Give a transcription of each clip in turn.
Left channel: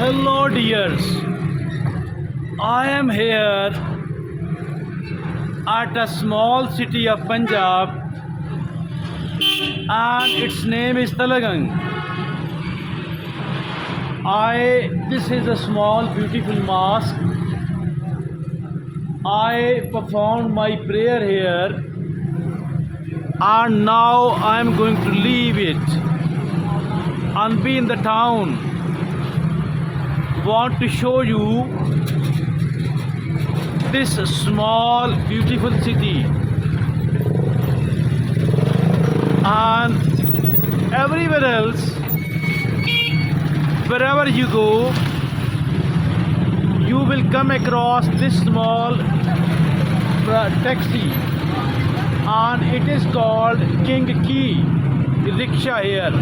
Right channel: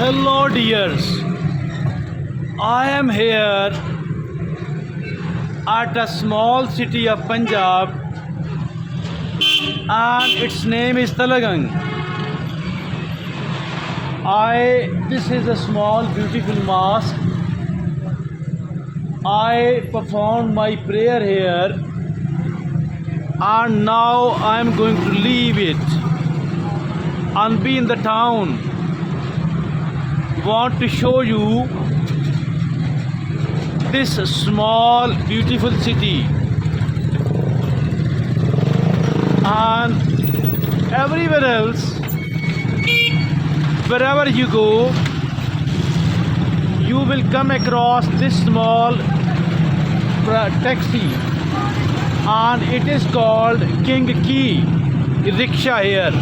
Hello, dears. I am here at a small city of Punjab, and its name is Talagang. This is a small, beautiful mosque. I performed my prayer here, and now I am going to leave it and be in the town. Want to show you this small beautiful city, and everywhere else, wherever you go, you will come across this small taxi, and it is called King Key rickshaw here.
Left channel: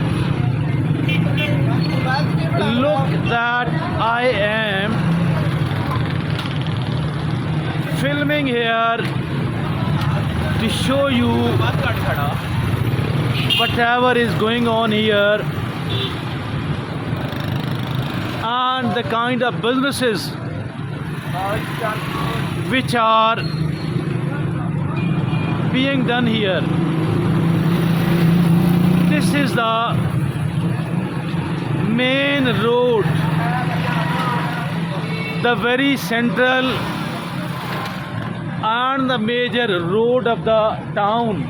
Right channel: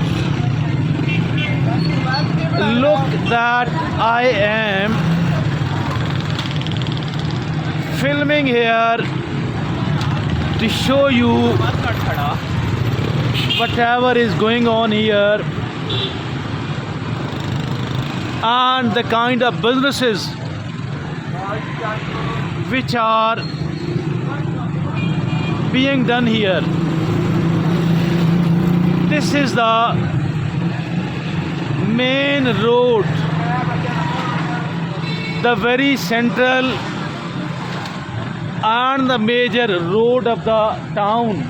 Look that I am filming here to show you whatever is going on here and the kind of businesses which are being done here. This is the main road, the very central and the major road of the town.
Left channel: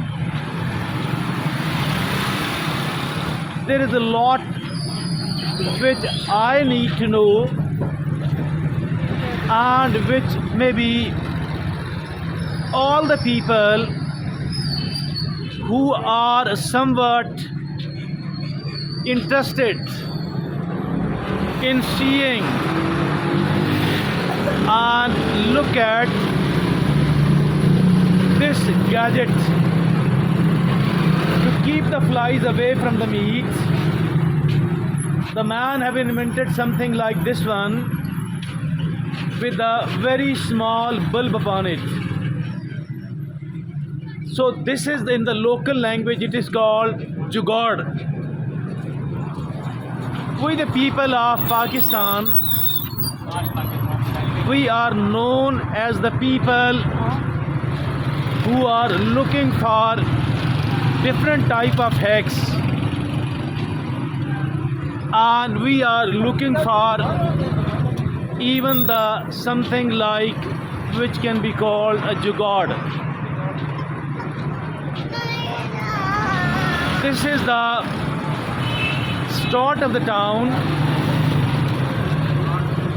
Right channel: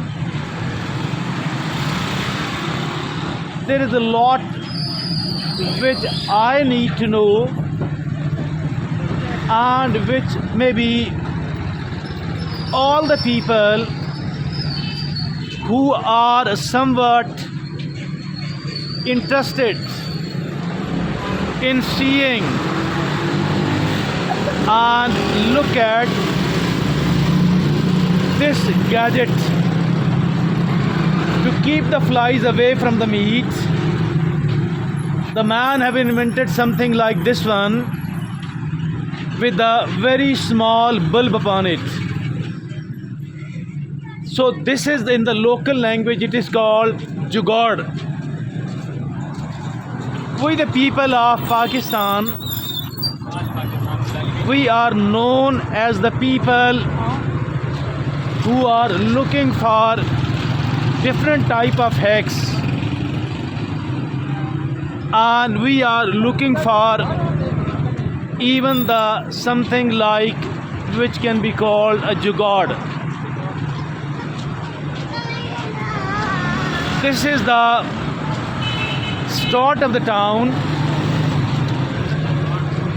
There is a lot which I need to know, and which maybe all the people who are somewhat interested in seeing and look at this gadget to keep the flies away from the meat. The man have invented something like this one with a very small bulb upon it. So this is, in the local language, it is called Jugaad. We the people of Pakistan, we are known as the people who are looking for different type of hacks, and we are looking for even the something like which can be called a jugaad. This is the start of the town,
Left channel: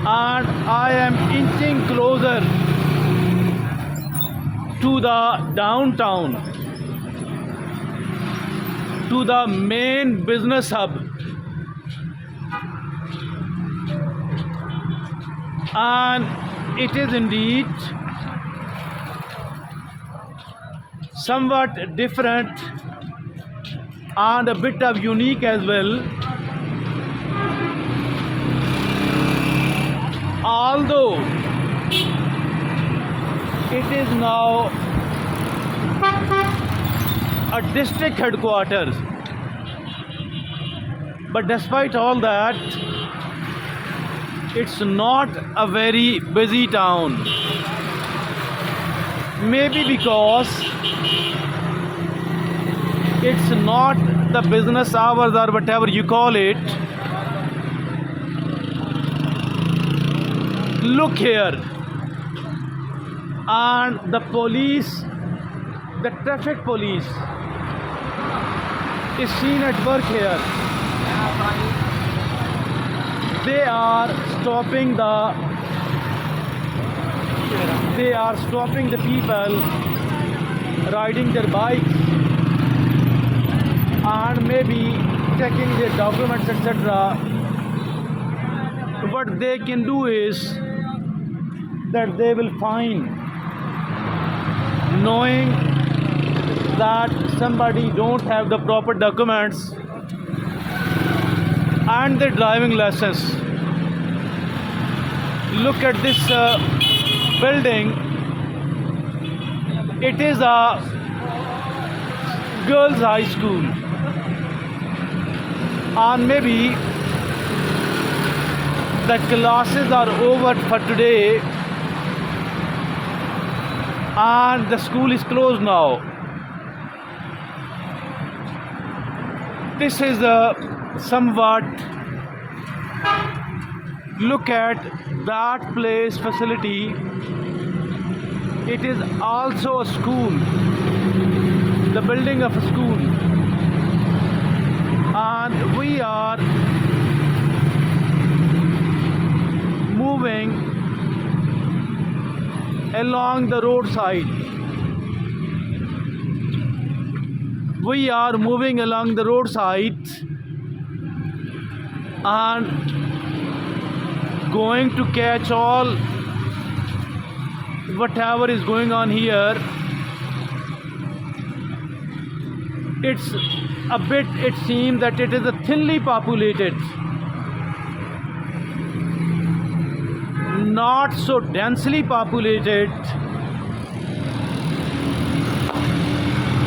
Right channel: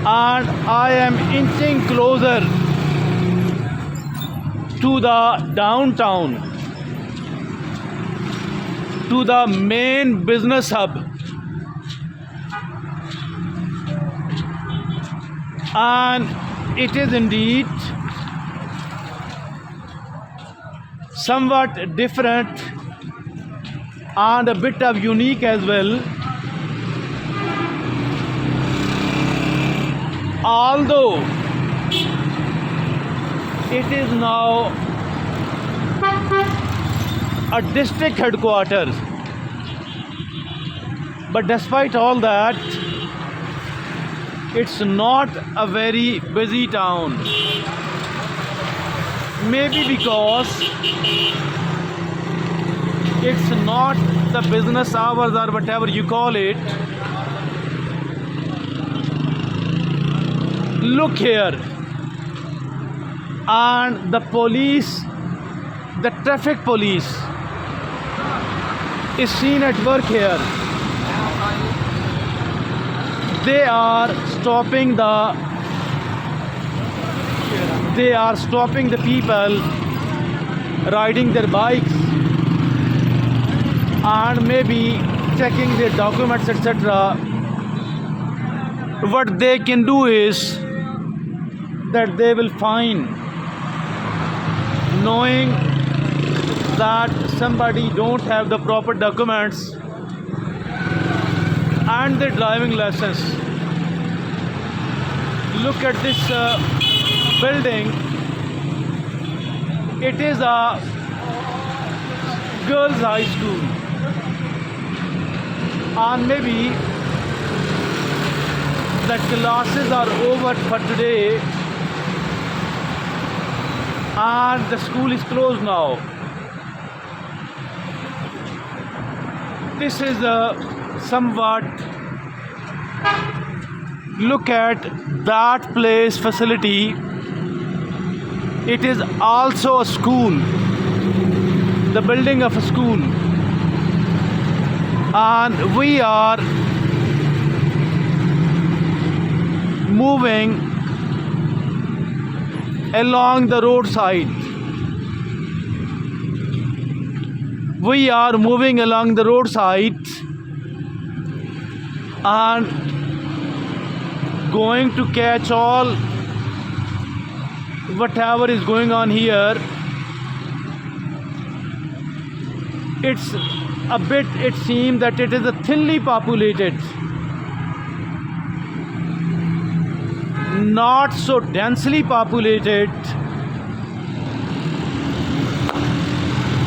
and I am inching closer to the downtown, to the main business hub, and it is indeed somewhat different and a bit of unique as well. Although it is now a district headquarters, but despite all that, it's not a very busy town. Maybe because it's not the business hours or whatever you call it. Look here, and the police, the traffic police is seen at work here. They are stopping the people riding their bikes, and maybe checking their documents, etc. What they can do is that they will fine, knowing that somebody don't have the proper documents and their driving license. Look at this building. It is a girls' high school, and maybe the classes are over for today and the school is closed now. This is a somewhat look at that place facility. It is also a school, the building of a school, and we are moving along the roadside. We are moving along the roadside and going to catch all whatever is going on here. It's a bit, it seems that it is a thinly populated, not so densely populated,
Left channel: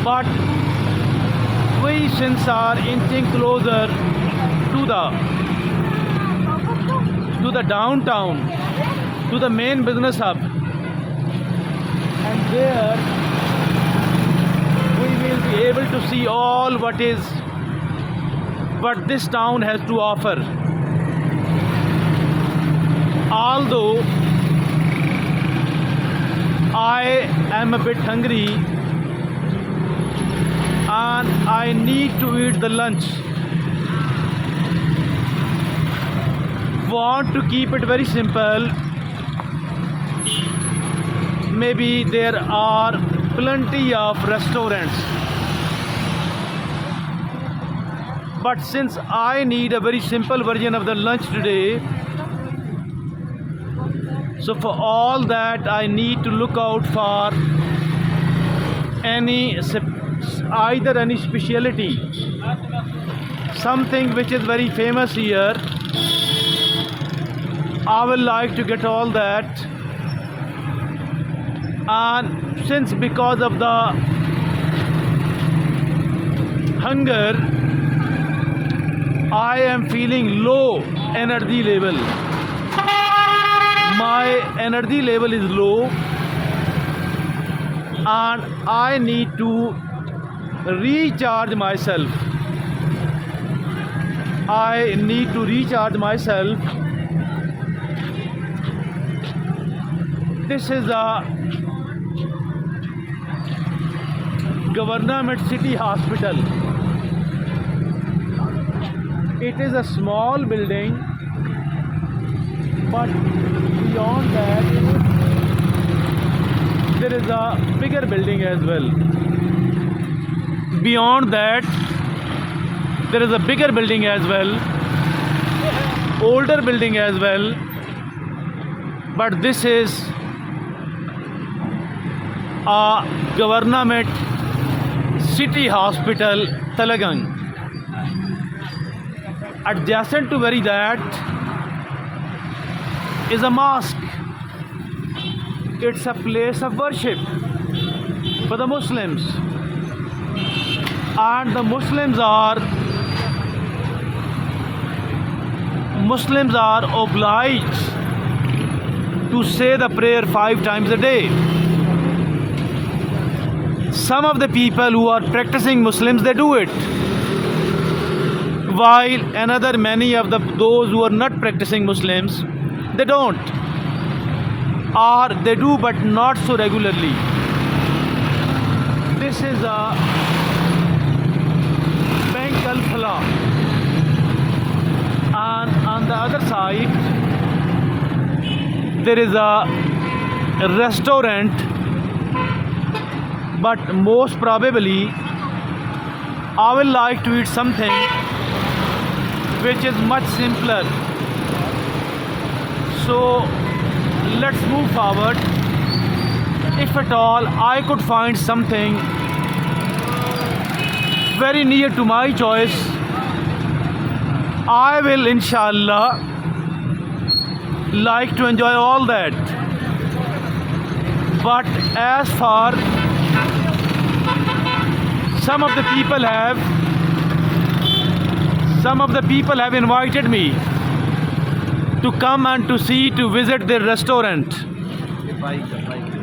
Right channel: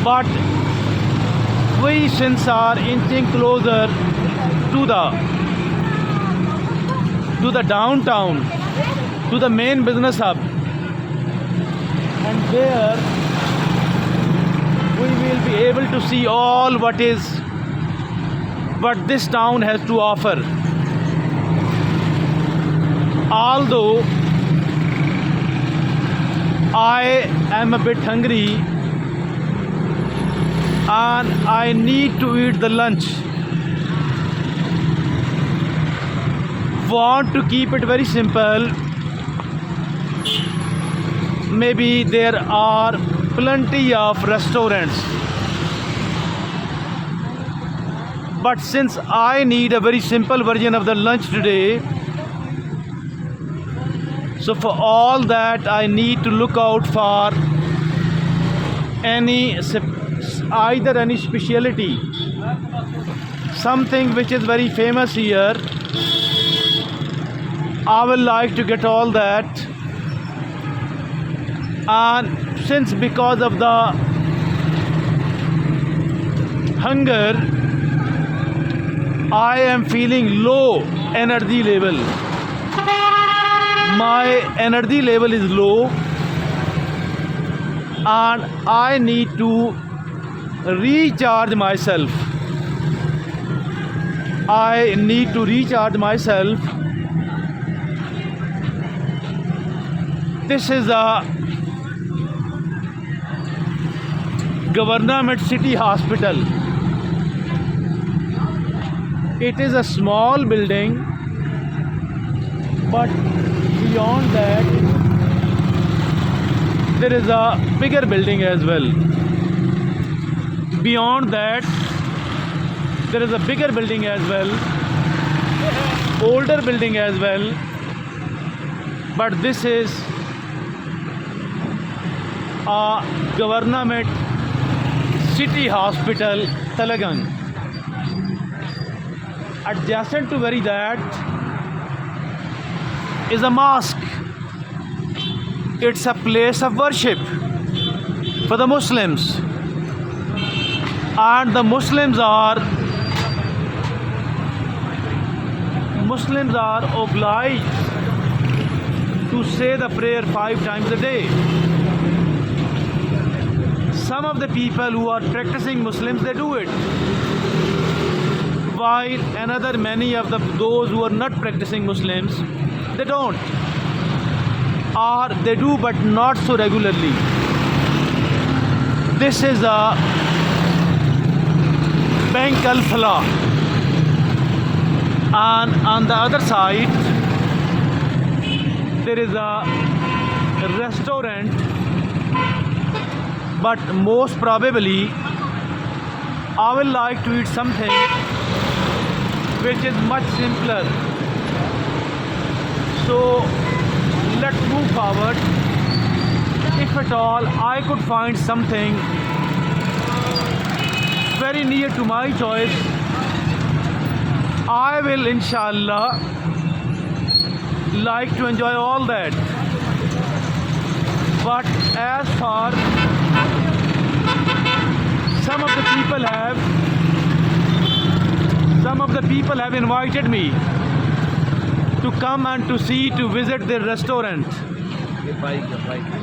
but we since are inching closer to the downtown, to the main business hub, and there we will be able to see all what this town has to offer. Although I am a bit hungry and I need to eat the lunch, want to keep it very simple. Maybe there are plenty of restaurants, but since I need a very simple version of the lunch today, so for all that I need to look out for either any specialty, something which is very famous here. I will like to get all that, and since because of the hunger I am feeling low energy level. My energy level is low and I need to recharge myself. I need to recharge myself. This is a Government City Hospital. It is a small building, but beyond that there is a bigger building as well. Beyond that there is a bigger building as well, older building as well, but this is a Government City Hospital, Telegang. Adjacent to very that is a mosque. It's a place of worship for the Muslims, and the Muslims are obliged to say the prayer 5 times a day. Some of the people who are practicing Muslims, they do it, while another many of those who are not practicing Muslims, they don't, or they do but not so regularly. This is a Bank Al Falah, and on the other side there is a restaurant, but most probably I will like to eat something which is much simpler. So let's move forward. If at all I could find something very near to my choice, I will inshallah like to enjoy all that. But as far some of the people have invited me to come and to see, to visit their restaurant.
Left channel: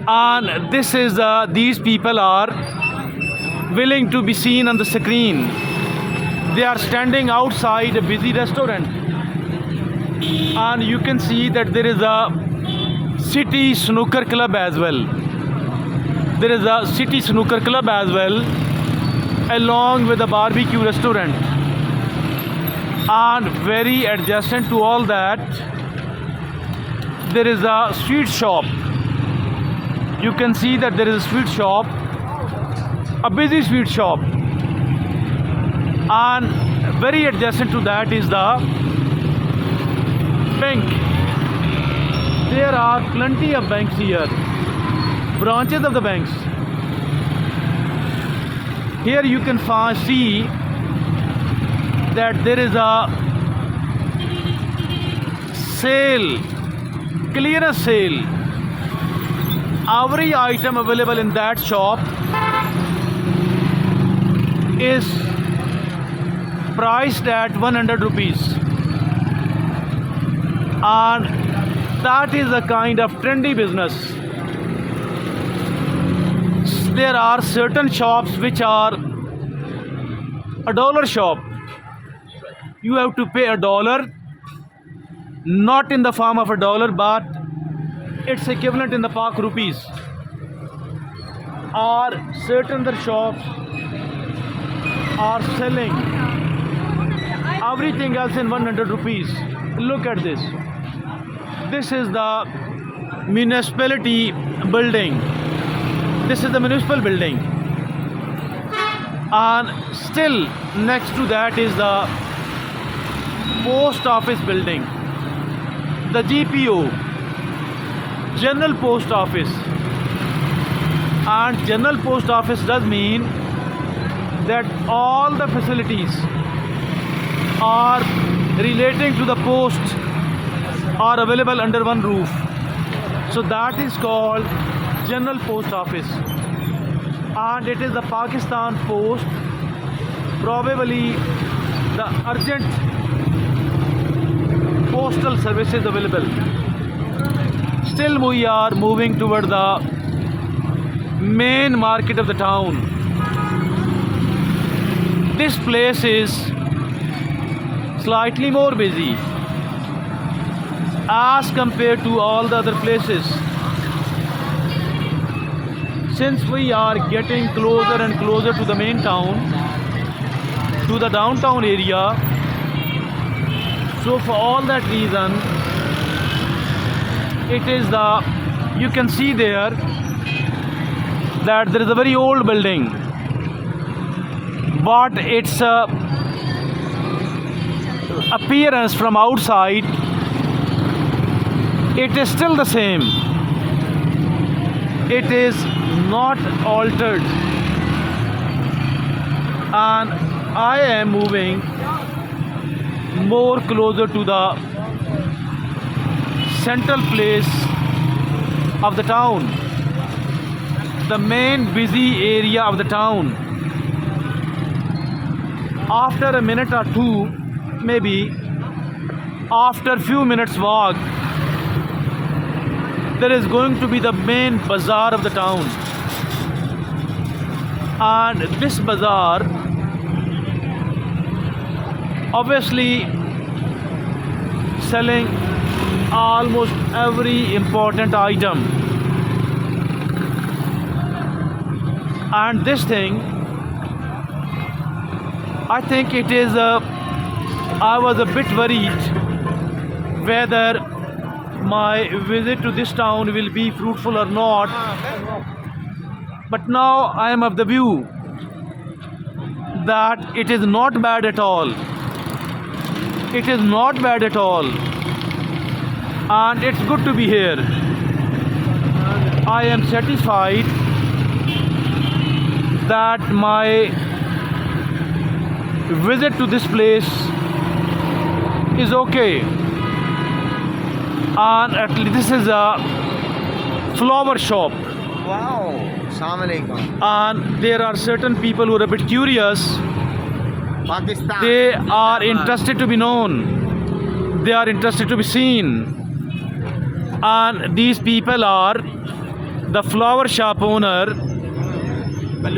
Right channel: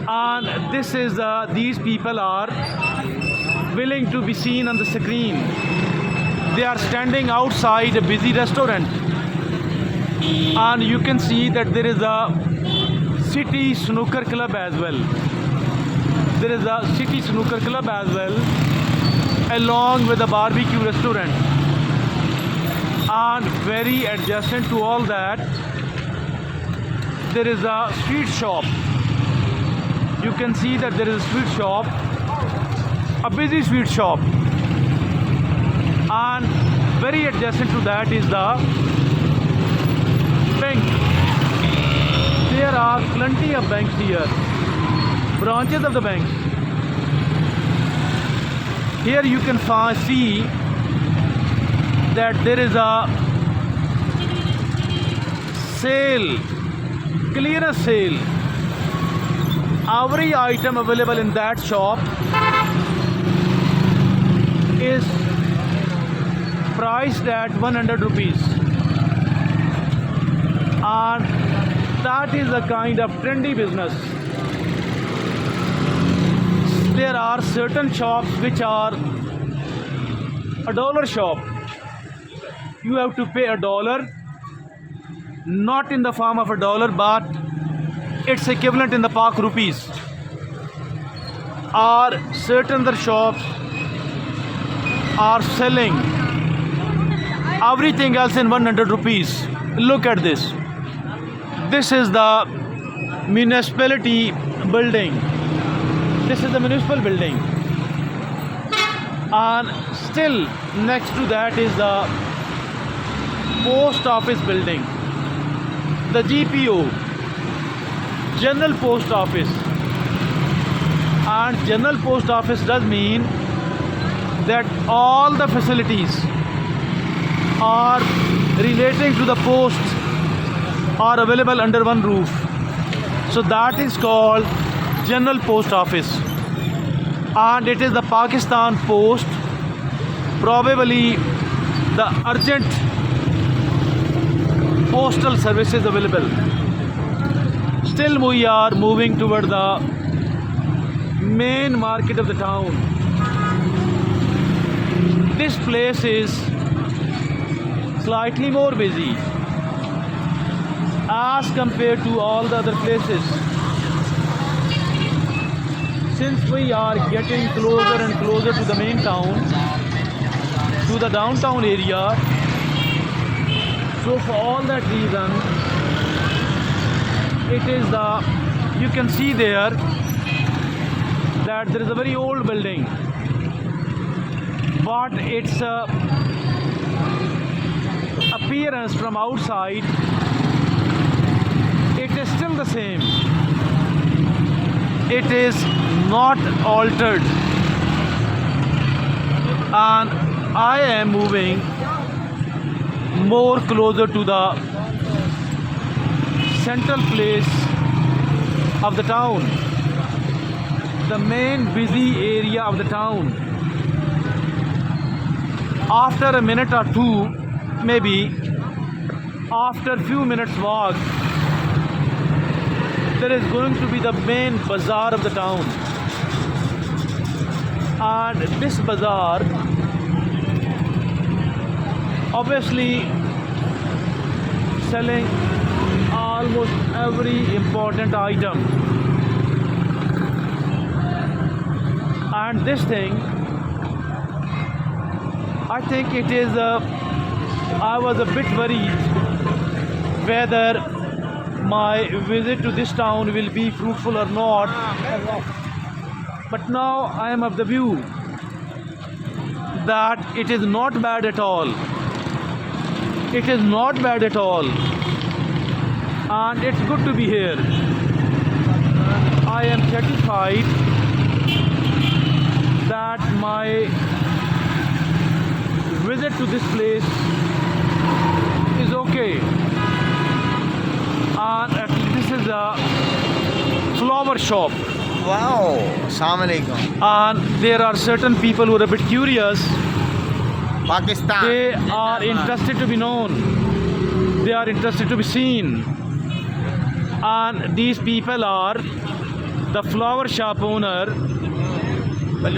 And this is these people are willing to be seen on the screen. They are standing outside a busy restaurant, and you can see that there is a city snooker club as well. There is a city snooker club as well, along with a barbecue restaurant. And very adjacent to all that, there is a sweet shop. You can see that there is a sweet shop, a busy sweet shop. And very adjacent to that is the bank. There are plenty of banks here, branches of the banks. Here you can see that there is a sale, clearance sale. Every item available in that shop is priced at 100 rupees, and that is a kind of trendy business. There are certain shops which are $1 shop. You have to pay $1, not in the form of $1, but its equivalent in the Pak rupees. Or certain other shops are selling everything else in 100 rupees. Look at this. This is the municipality building. This is the municipal building. And still next to that is the post office building. The GPO, General Post Office. And General Post Office does mean that all the facilities are relating to the post are available under one roof. So that is called General Post Office. And it is the Pakistan Post, probably the urgent postal services available. Still we are moving toward the main market of the town. This place is slightly more busy as compared to all the other places. Since we are getting closer and closer to the main town, to the downtown area, so for all that reason, it is the, you can see there that there is a very old building, but its appearance from outside, it is still the same. It is not altered. And I am moving more closer to the central place of the town, the main busy area of the town. After a minute or two, maybe after few minutes walk, there is going to be the main bazaar of the town. And this bazaar obviously selling almost every important item. And this thing, I think it is I was a bit worried whether my visit to this town will be fruitful or not, but now I am of the view that it is not bad at all. It is not bad at all, and it's good to be here. I am satisfied that my visit to this place is okay. And at least this is a flower shop. Wow, Assalamu alaikum. And there are certain people who are a bit curious. Pakistan. They are interested to be known they are interested to be seen. And these people are the flower shop owner.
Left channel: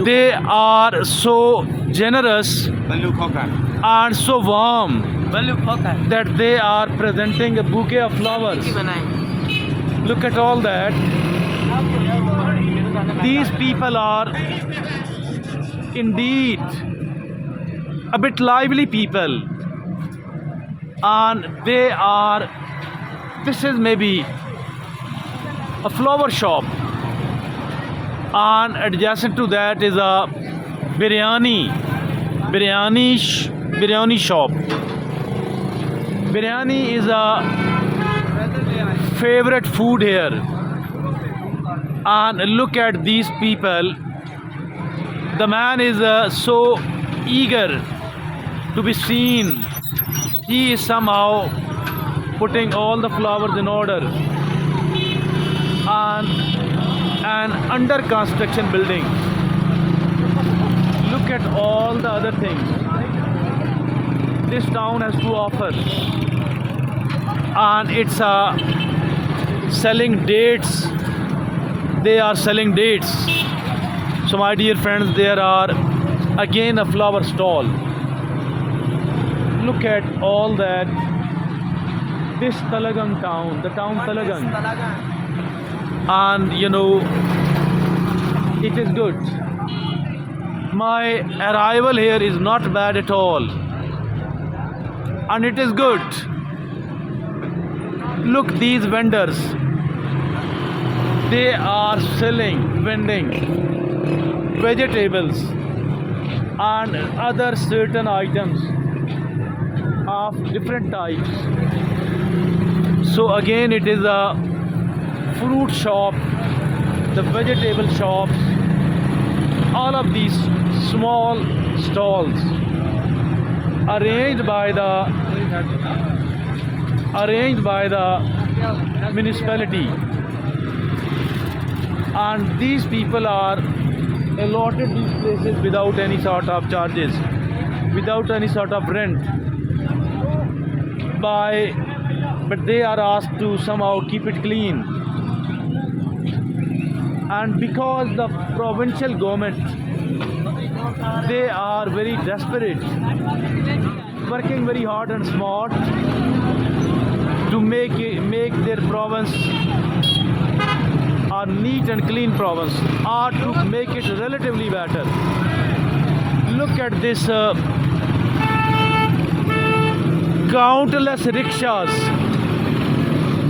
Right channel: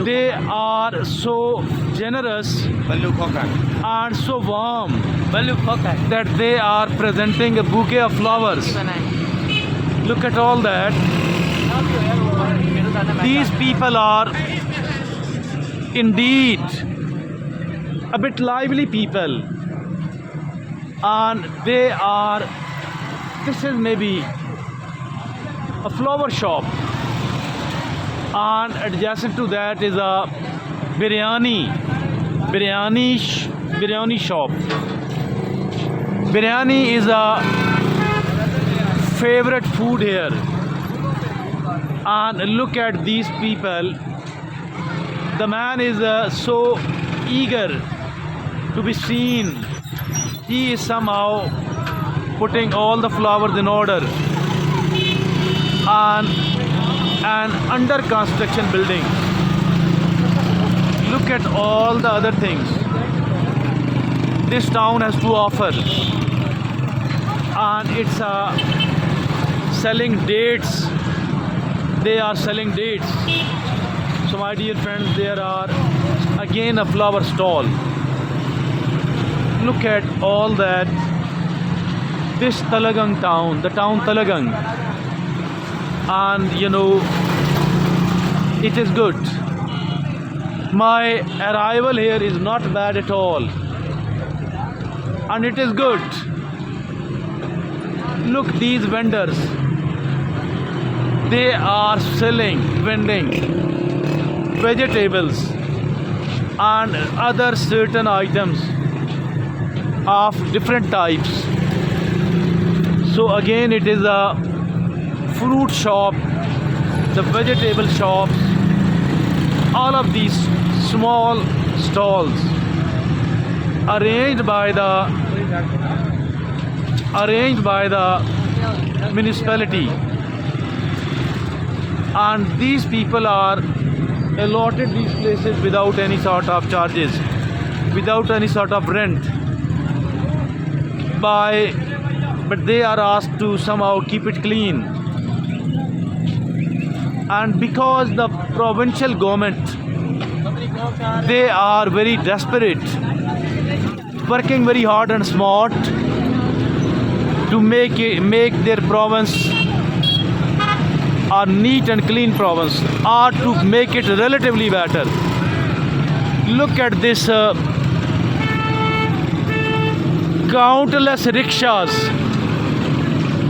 They are so generous and so warm that they are presenting a bouquet of flowers. Look at all that. These people are indeed a bit lively people, and this is maybe a flower shop, and adjacent to that is a biryani shop. Biryani is a favorite food here. And look at these people. The man is so eager to be seen. He is somehow putting all the flowers in order. And an under construction building. Look at all the other things this town has to offer. And it's selling dates. They are selling dates. So my dear friends, there are again a flower stall. Look at all that. This Talagang town, the town Talagang. And you know, it is good. My arrival here is not bad at all. And it is good. Look, these vendors. They are vending vegetables and other certain items of different types. So again, it is a fruit shop, the vegetable shop. All of these small stalls arranged by the municipality. And these people are allotted these places without any sort of charges, without any sort of rent. But they are asked to somehow keep it clean. And because the provincial government, they are very desperate, working very hard and smart to make their province a neat and clean province, or to make it relatively better. Look at this countless rickshaws,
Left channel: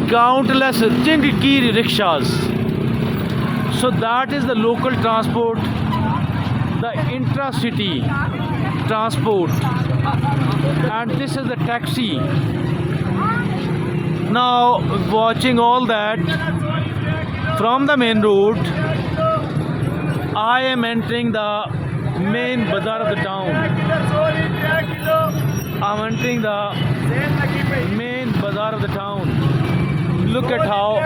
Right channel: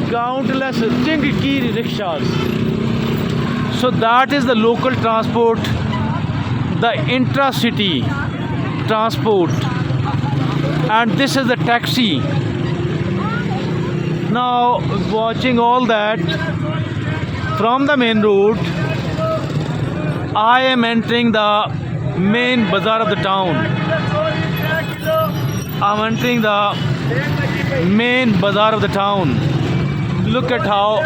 countless Tingkiri rickshaws. So that is the local transport, the intra-city transport, and this is the taxi. Now, watching all that from the main road, I am entering the main bazaar of the town. I'm entering the main bazaar of the town. Look at how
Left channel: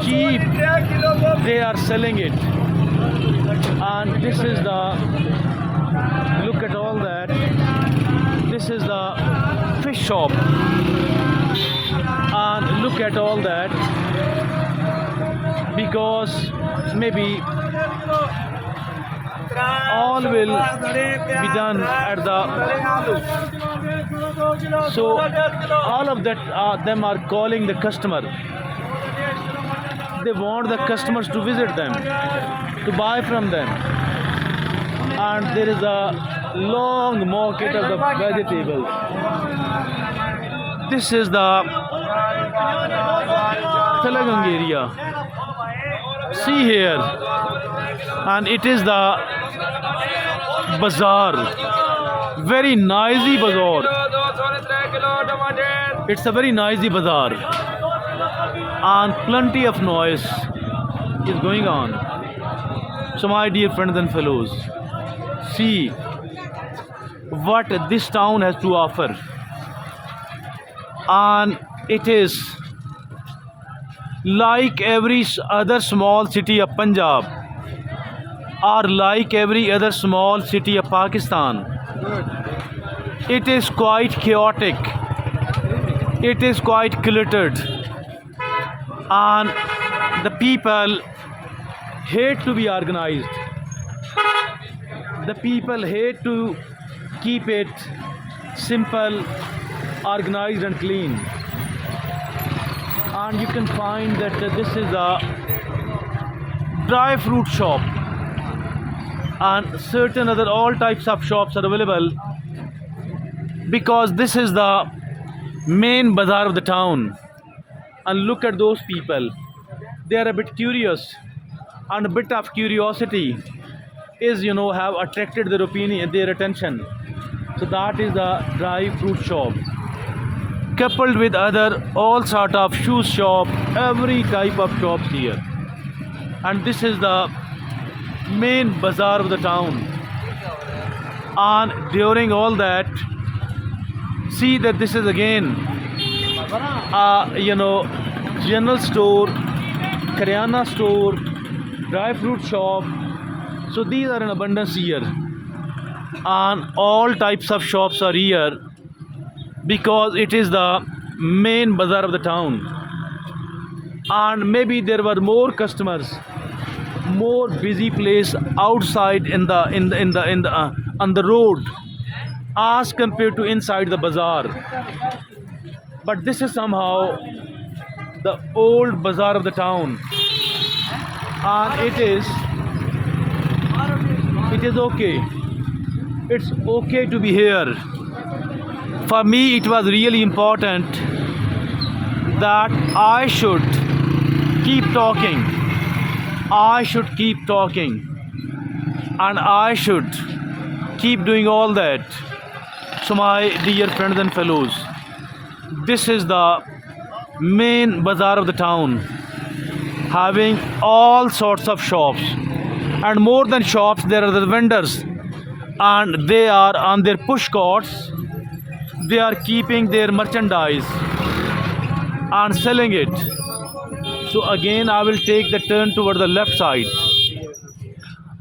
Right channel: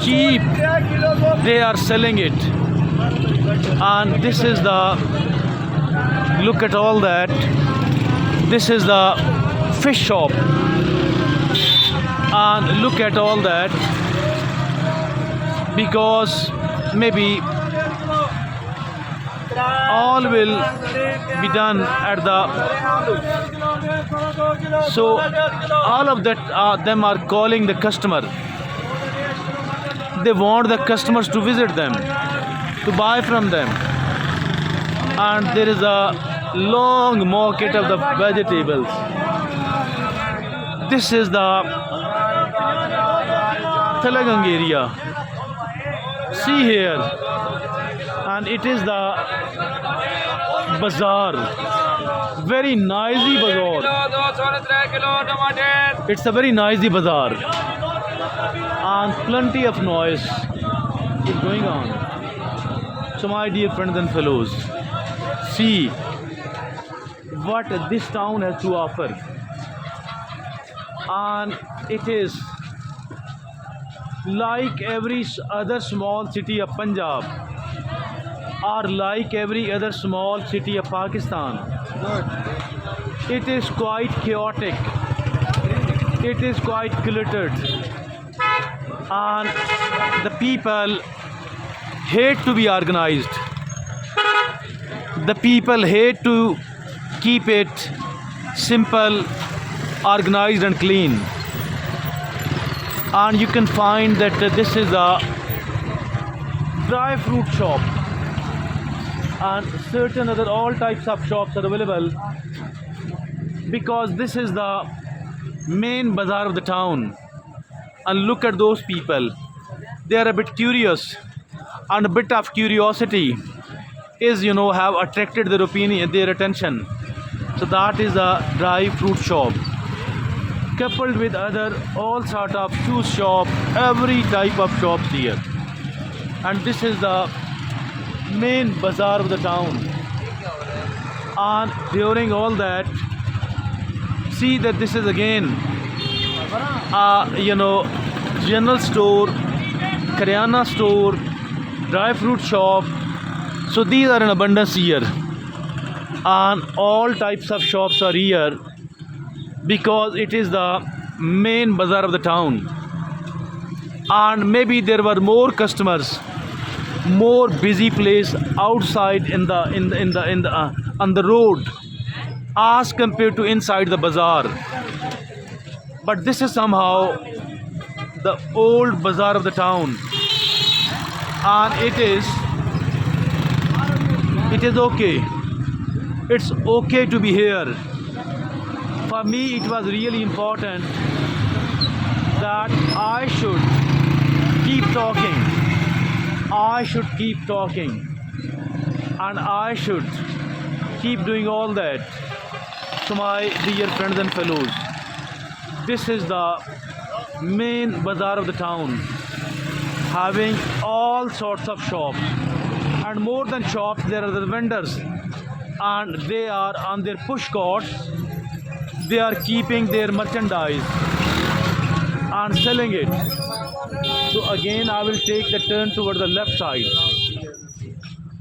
cheap they are selling it. And this is the, look at all that. This is the fish shop. And look at all that. Because maybe all will be done at the, so all of that them are calling the customer. They want the customers to visit them, to buy from them. And there is a long market of the vegetables. This is the Talagang area. See here, and it is the bazaar, very noisy bazaar. It's a very noisy bazaar, and plenty of noise is going on. So my dear friends and fellows, see what this town has to offer, and it is like every other small city of Punjab, or like every other small city of Pakistan. It is quite chaotic. it is quite cluttered, and the people hate to be organized. The people hate to keep it simple, organized and clean. And you can find that this is a dry fruit shop, and certain other all types of shops are available, because this is the main bazaar of the town. And look at those people, they are a bit curious, and a bit of curiosity is, have attracted their opinion, their attention. So that is a dry fruit shop, coupled with other all sort of shoe shop, every type of shops here. And this is the main bazaar of the town. And during all that, see that this is again general store, Karyana store, dry fruit shop. So these are in abundance here, and all types of shops are here, because it is the main bazaar of the town. And maybe there were more customers, more busy place outside on the road as compared to inside the bazaar. But this is somehow the old bazaar of the town, and it is okay. It's okay to be here. For me, it was really important that I should keep talking. I should keep talking, and I should keep doing all that. So my dear friends and fellows, this is the main bazaar of the town, having all sorts of shops, and more than shops, there are the vendors, and they are on their push carts. They are keeping their merchandise and selling it. So again, I will take the turn toward the left side,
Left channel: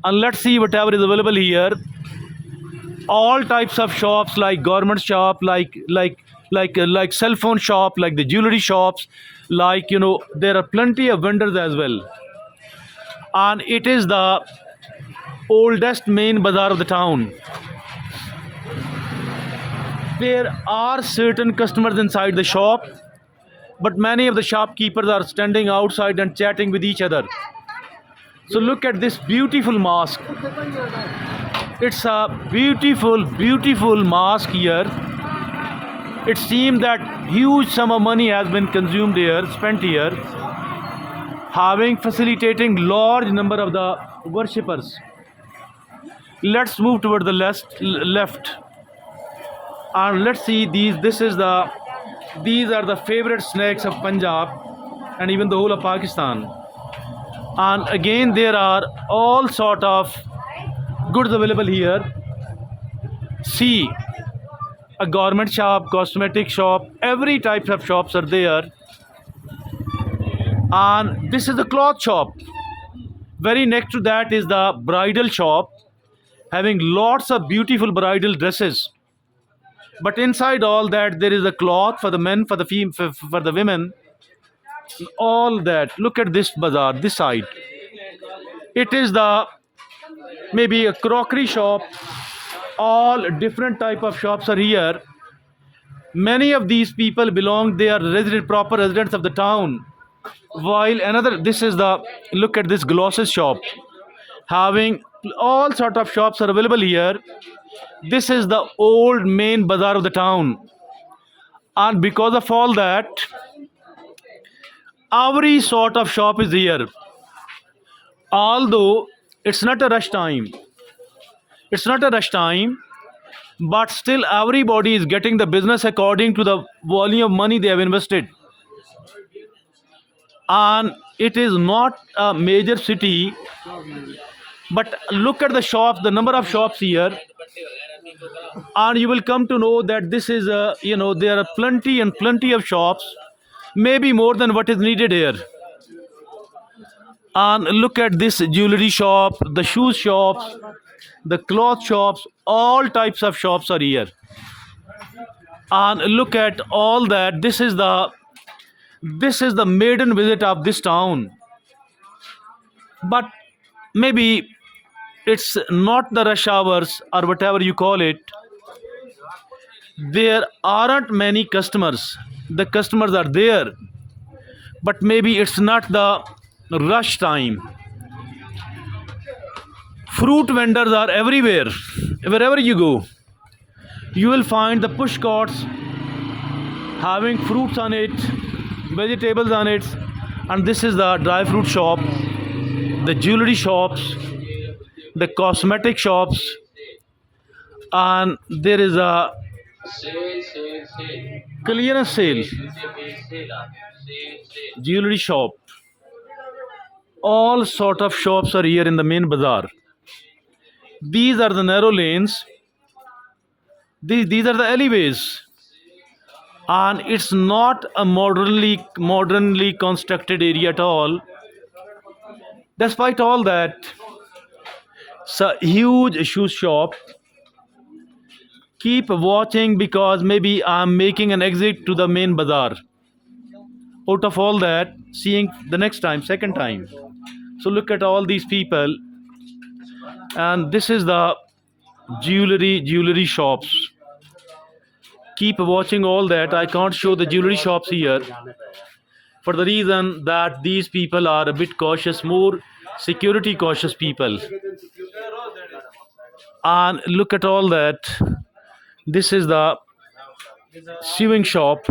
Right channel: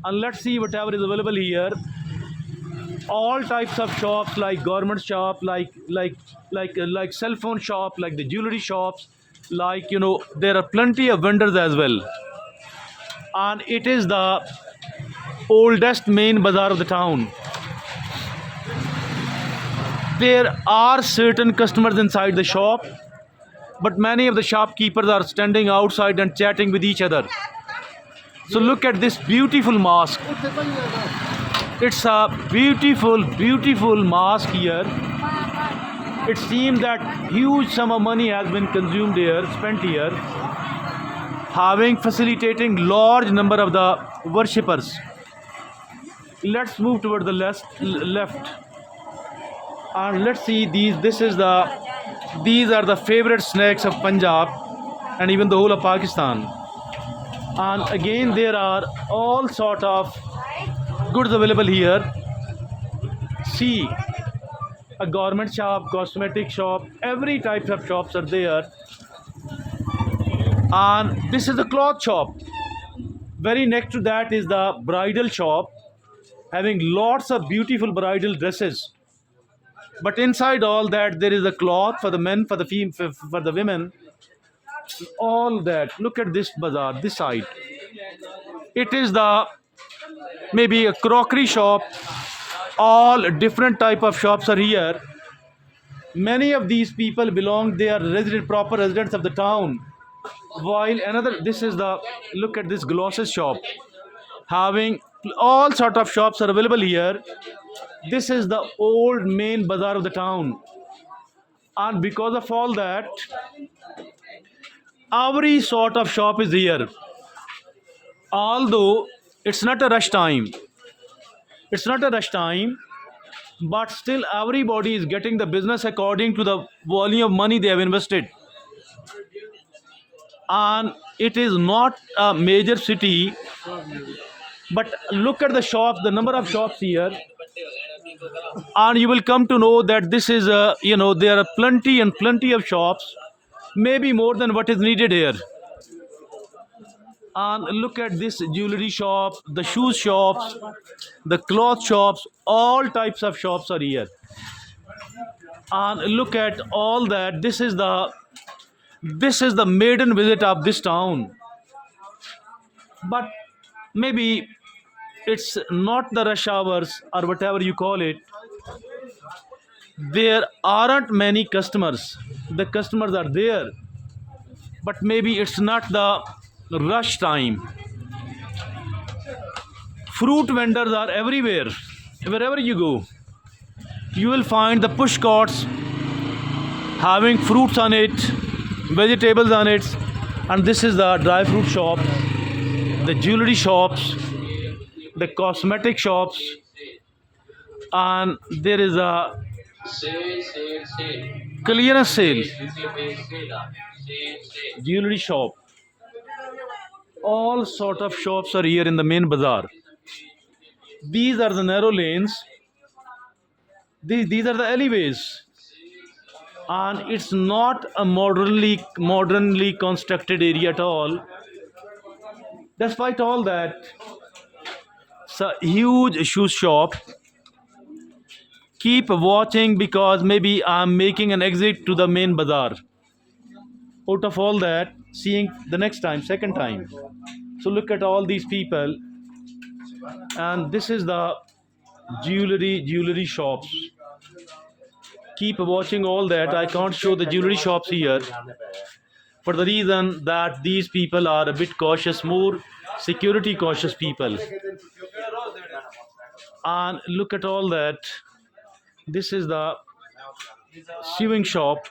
and let's see whatever is available here. All types of shops, like garment shop, like cell phone shop, like the jewelry shops, there are plenty of vendors as well. And it is the oldest main bazaar of the town. There are certain customers inside the shop, but many of the shopkeepers are standing outside and chatting with each other. So look at this beautiful mosque. It's a beautiful, beautiful mosque here. It seems that huge sum of money has been consumed here, spent here, facilitating large number of the worshippers. Let's move toward the left, and let's see these. These are the favorite snacks of Punjab and even the whole of Pakistan. And again, there are all sort of goods available here. See, a garment shop, cosmetic shop, every type of shops are there. And this is the cloth shop. Very next to that is the bridal shop, having lots of beautiful bridal dresses. But inside all that, there is a cloth for the men, for the women, all that. Look at this bazaar, this side. It is maybe a crockery shop. All different type of shops are here. Many of these people they are proper residents of the town. While look at this glosses shop, having all sort of shops are available here. This is the old main bazaar of the town, and because of all that, every sort of shop is here. Although it's not a rush time, but still everybody is getting the business according to the volume of money they have invested. And it is not a major city, but look at the shops, the number of shops here, and you will come to know that this is there are plenty of shops, maybe more than what is needed here. And look at this jewelry shop, the shoe shops, the cloth shops, all types of shops are here. And look at all that. This is the maiden visit of this town. But maybe it's not the rush hours or whatever you call it. There aren't many customers. The customers are there, but maybe it's not the rush time. Fruit vendors are everywhere. Wherever you go, you will find the push carts having fruits on it, vegetables on it, and this is the dry fruit shop, the jewelry shops, the cosmetic shops, and there is a clearance sale jewelry shop. All sort of shops are here in the main bazaar. These are the narrow lanes. These are the alleyways, and it's not a modernly constructed area at all. Despite all that, it's a huge shoe shop. Keep watching because maybe I'm making an exit to the main bazaar. Out of all that, seeing the next time, second time. So look at all these people, and this is the jewelry shops. Keep watching all that. I can't show the jewelry shops here for the reason that these people are a bit cautious, more security cautious people. And look at all that. This is the sewing shop.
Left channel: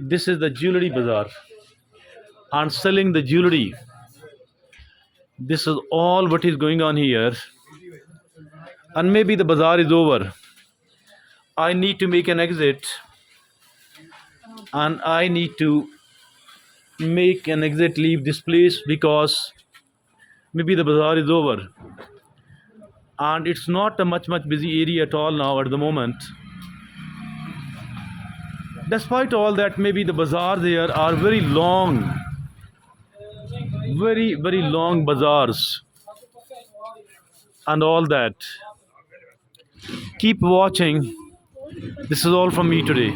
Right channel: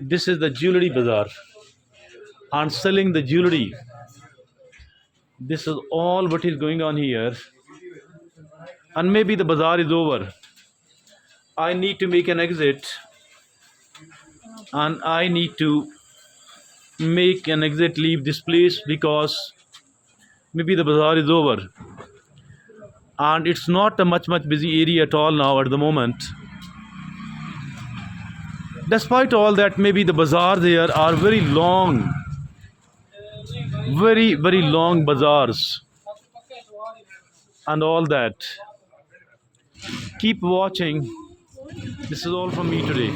This is the jewelry bazaar and selling the jewelry. This is all what is going on here. And maybe the bazaar is over. I need to make an exit, and I need to make an exit, leave this place because maybe the bazaar is over, and it's not a much busy area at all now at the moment. Despite all that, maybe the bazaar there are very long, very long bazaars and all that. Keep watching. This is all from me today.